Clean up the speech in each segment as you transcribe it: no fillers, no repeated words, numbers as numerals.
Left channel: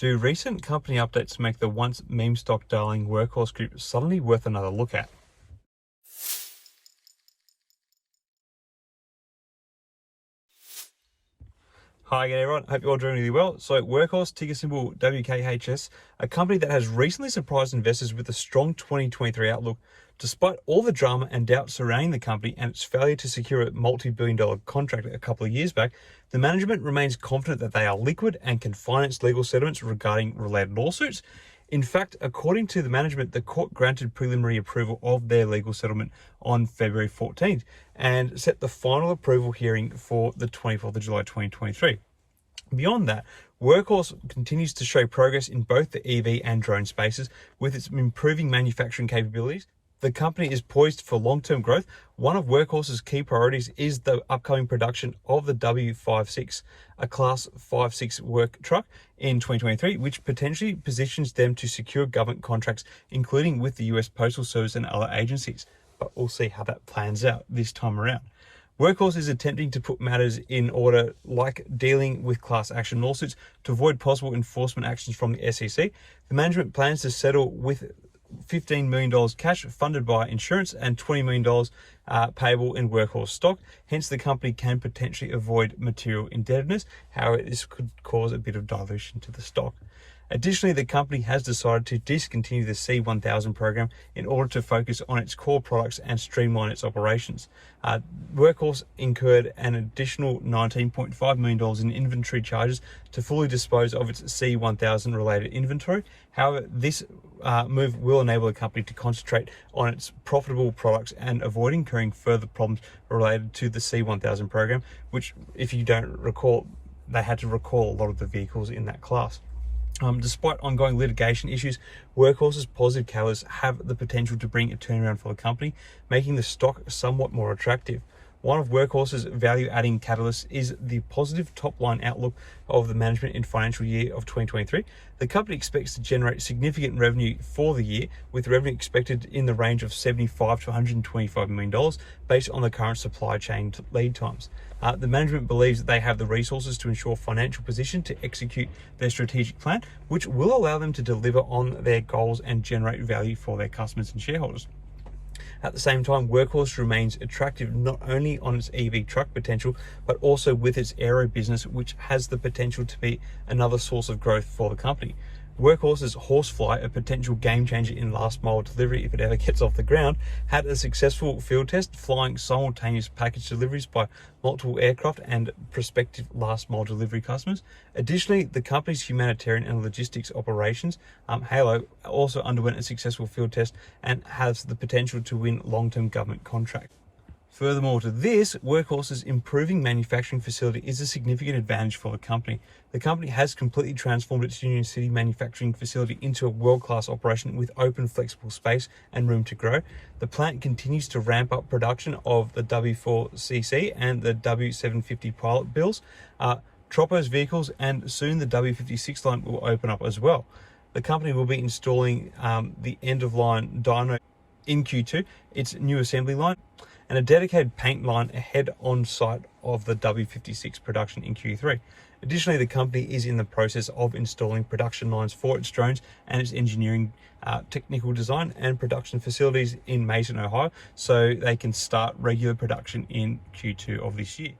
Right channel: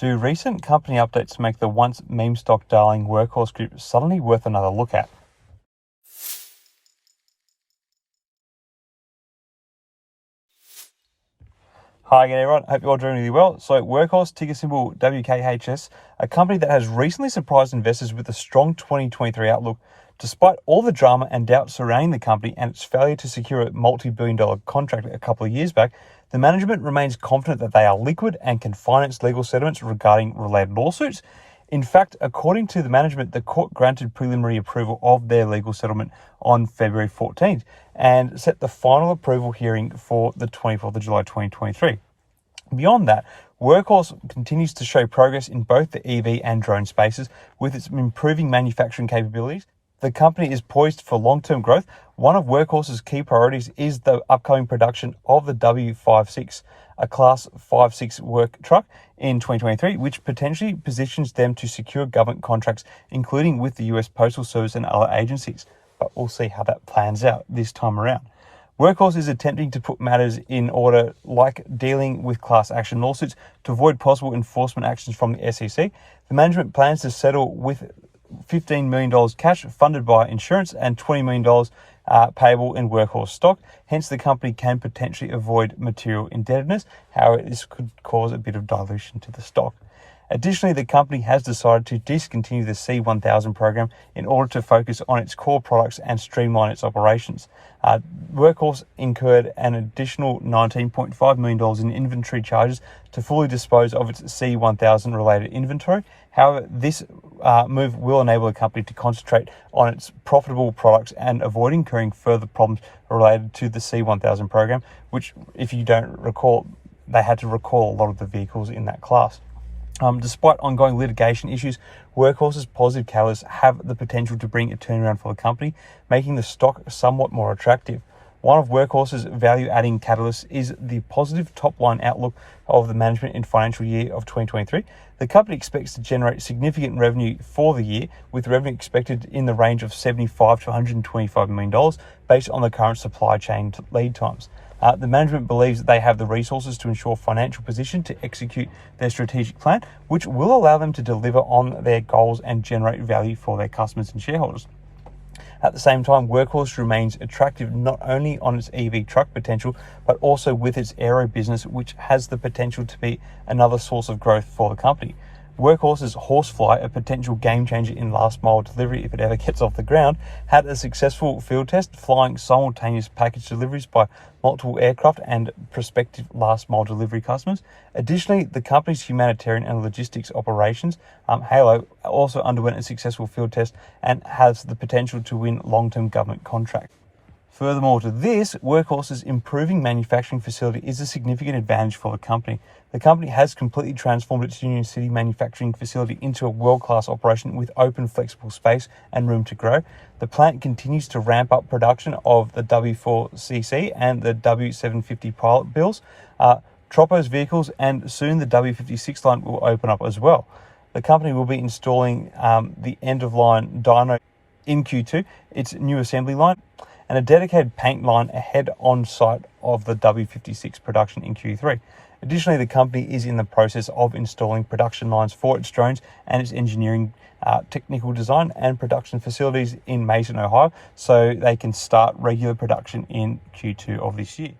Do recent company updates make the once meme stock darling Workhorse Group suddenly worth another look at? Hi again everyone, hope you're all doing really well. So Workhorse, ticker symbol WKHS, a company that has recently surprised investors with a strong 2023 outlook. Despite all the drama and doubt surrounding the company and its failure to secure a multi-billion-dollar contract a couple of years back, the management remains confident that they are liquid and can finance legal settlements regarding related lawsuits. In fact, according to the management, the court granted preliminary approval of their legal settlement on February 14th and set the final approval hearing for the 24th of July 2023. Beyond that, Workhorse continues to show progress in both the EV and drone spaces with its improving manufacturing capabilities. The company is poised for long-term growth. One of Workhorse's key priorities is the upcoming production of the W56, a Class 5/6 work truck in 2023, which potentially positions them to secure government contracts, including with the US Postal Service and other agencies. But we'll see how that plans out this time around. Workhorse is attempting to put matters in order, like dealing with class action lawsuits, to avoid possible enforcement actions from the SEC. The management plans to settle with $15 million cash funded by insurance and $20 million payable in Workhorse stock. Hence, the company can potentially avoid material indebtedness. However, this could cause a bit of dilution to the stock. Additionally, the company has decided to discontinue the C1000 program in order to focus on its core products and streamline its operations. Workhorse incurred an additional $19.5 million in inventory charges to fully dispose of its C1000 related inventory. However, this move will enable the company to concentrate on its profitable products and avoid incurring further problems related to the C1000 program, which, if you don't recall, they had to recall a lot of the vehicles in that class. Despite ongoing litigation issues, Workhorse's positive catalysts have the potential to bring a turnaround for the company, making the stock somewhat more attractive. One of Workhorse's value-adding catalysts is the positive top-line outlook of the management in financial year of 2023. The company expects to generate significant revenue for the year, with revenue expected in the range of $75 to $125 million based on the current supply chain lead times. The management believes that they have the resources to ensure financial position to execute their strategic plan, which will allow them to deliver on their goals and generate value for their customers and shareholders. At the same time, Workhorse remains attractive not only on its EV truck potential, but also with its aero business, which has the potential to be another source of growth for the company. Workhorse's Horsefly, a potential game changer in last mile delivery if it ever gets off the ground, had a successful field test flying simultaneous package deliveries by multiple aircraft and prospective last mile delivery customers. Additionally, the company's humanitarian and logistics operations, Halo, also underwent a successful field test and has the potential to win long-term government contracts. Furthermore to this, Workhorse's improving manufacturing facility is a significant advantage for the company. The company has completely transformed its Union City manufacturing facility into a world-class operation with open, flexible space and room to grow. The plant continues to ramp up production of the W4CC and the W750 pilot builds, Tropos vehicles, and soon the W56 line will open up as well. The company will be installing the end-of-line dyno in Q2, its new assembly line, and a dedicated paint line ahead on site of the W56 production in Q3. Additionally, the company is in the process of installing production lines for its drones and its engineering, technical design and production facilities in Mason, Ohio, so they can start regular production in Q2 of this year.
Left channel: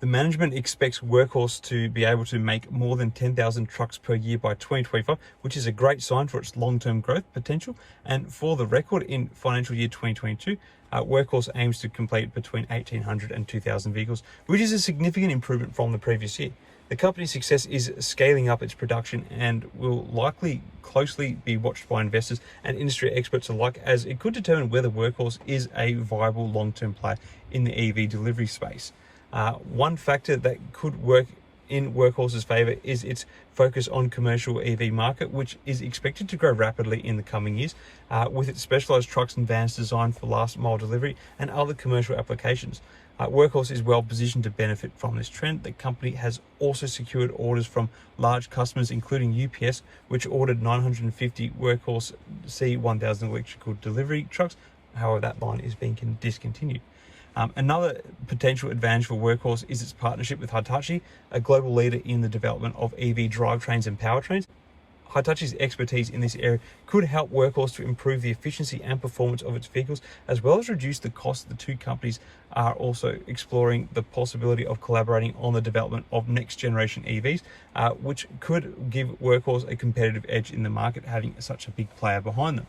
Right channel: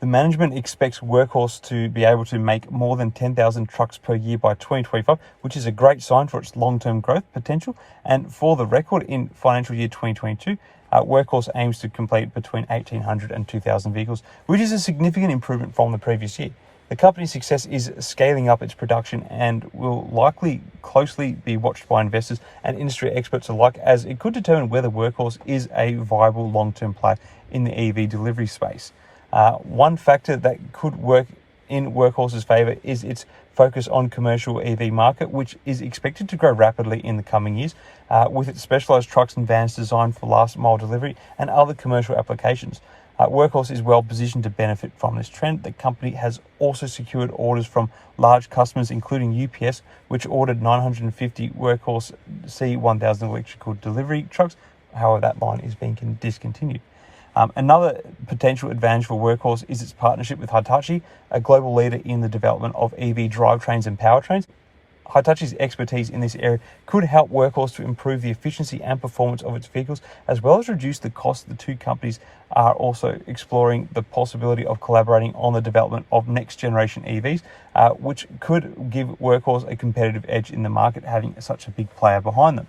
The management expects Workhorse to be able to make more than 10,000 trucks per year by 2025, which is a great sign for its long-term growth potential. And for the record, in financial year 2022, Workhorse aims to complete between 1,800 and 2,000 vehicles, which is a significant improvement from the previous year. The company's success is scaling up its production and will likely closely be watched by investors and industry experts alike, as it could determine whether Workhorse is a viable long-term player in the EV delivery space. One factor that could work in Workhorse's favor is its focus on commercial EV market, which is expected to grow rapidly in the coming years, with its specialized trucks and vans designed for last mile delivery and other commercial applications. Workhorse is well positioned to benefit from this trend. The company has also secured orders from large customers, including UPS, which ordered 950 Workhorse C1000 electrical delivery trucks. However, that line is being discontinued. Another potential advantage for Workhorse is its partnership with Hitachi, a global leader in the development of EV drivetrains and powertrains. Hitachi's expertise in this area could help Workhorse to improve the efficiency and performance of its vehicles, as well as reduce the cost. The two companies are also exploring the possibility of collaborating on the development of next generation EVs, which could give Workhorse a competitive edge in the market, having such a big player behind them.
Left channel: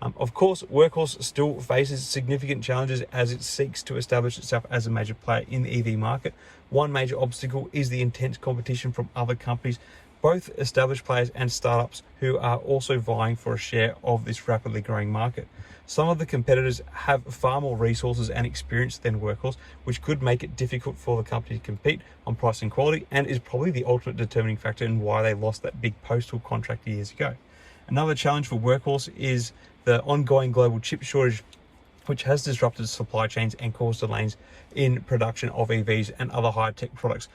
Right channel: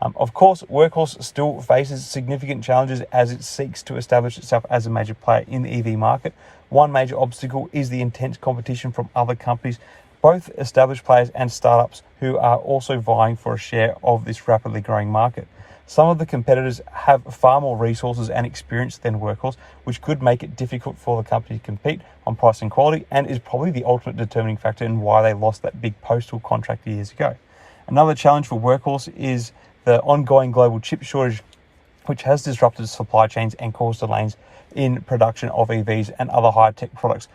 Of course, Workhorse still faces significant challenges as it seeks to establish itself as a major player in the EV market. One major obstacle is the intense competition from other companies, both established players and startups who are also vying for a share of this rapidly growing market. Some of the competitors have far more resources and experience than Workhorse, which could make it difficult for the company to compete on price and quality, and is probably the ultimate determining factor in why they lost that big postal contract years ago. Another challenge for Workhorse is the ongoing global chip shortage, which has disrupted supply chains and caused delays in production of EVs and other high-tech products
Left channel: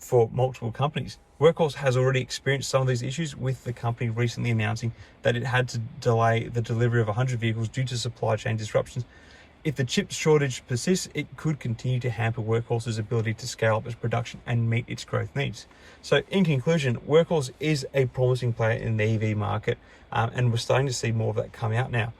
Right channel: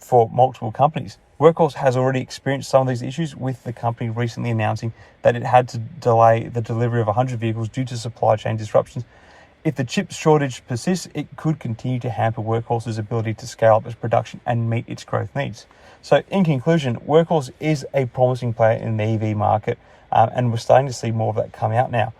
for multiple companies. Workhorse has already experienced some of these issues, with the company recently announcing that it had to delay the delivery of 100 vehicles due to supply chain disruptions. If the chip shortage persists, it could continue to hamper Workhorse's ability to scale up its production and meet its growth needs. So in conclusion, Workhorse is a promising player in the EV market, and we're starting to see more of that come out now.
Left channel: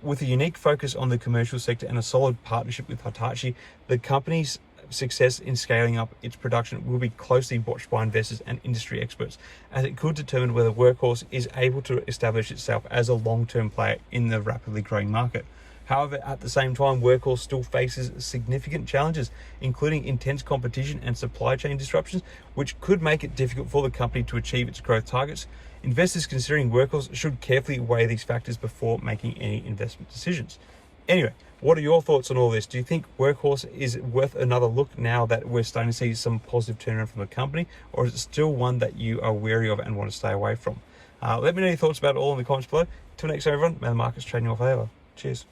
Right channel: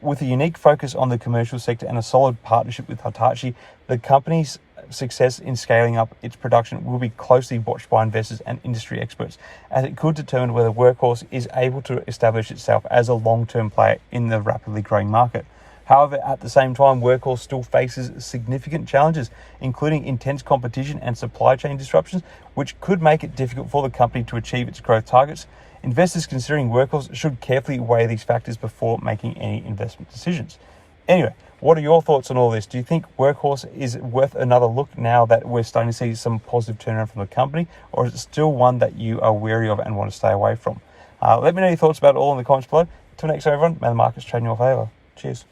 With a unique focus on the commercial sector and a solid partnership with Hitachi, the company's success in scaling up its production will be closely watched by investors and industry experts, as it could determine whether Workhorse is able to establish itself as a long-term player in the rapidly growing market. However, at the same time, Workhorse still faces significant challenges, including intense competition and supply chain disruptions, which could make it difficult for the company to achieve its growth targets. Investors considering Workhorse should carefully weigh these factors before making any investment decisions. Anyway, what are your thoughts on all this? Do you think Workhorse is worth another look now that we're starting to see some positive turnaround from the company, or is it still one that you are wary of and want to stay away from? Let me know your thoughts about it all in the comments below. Till next time, everyone, may the markets trade in your favour. Cheers.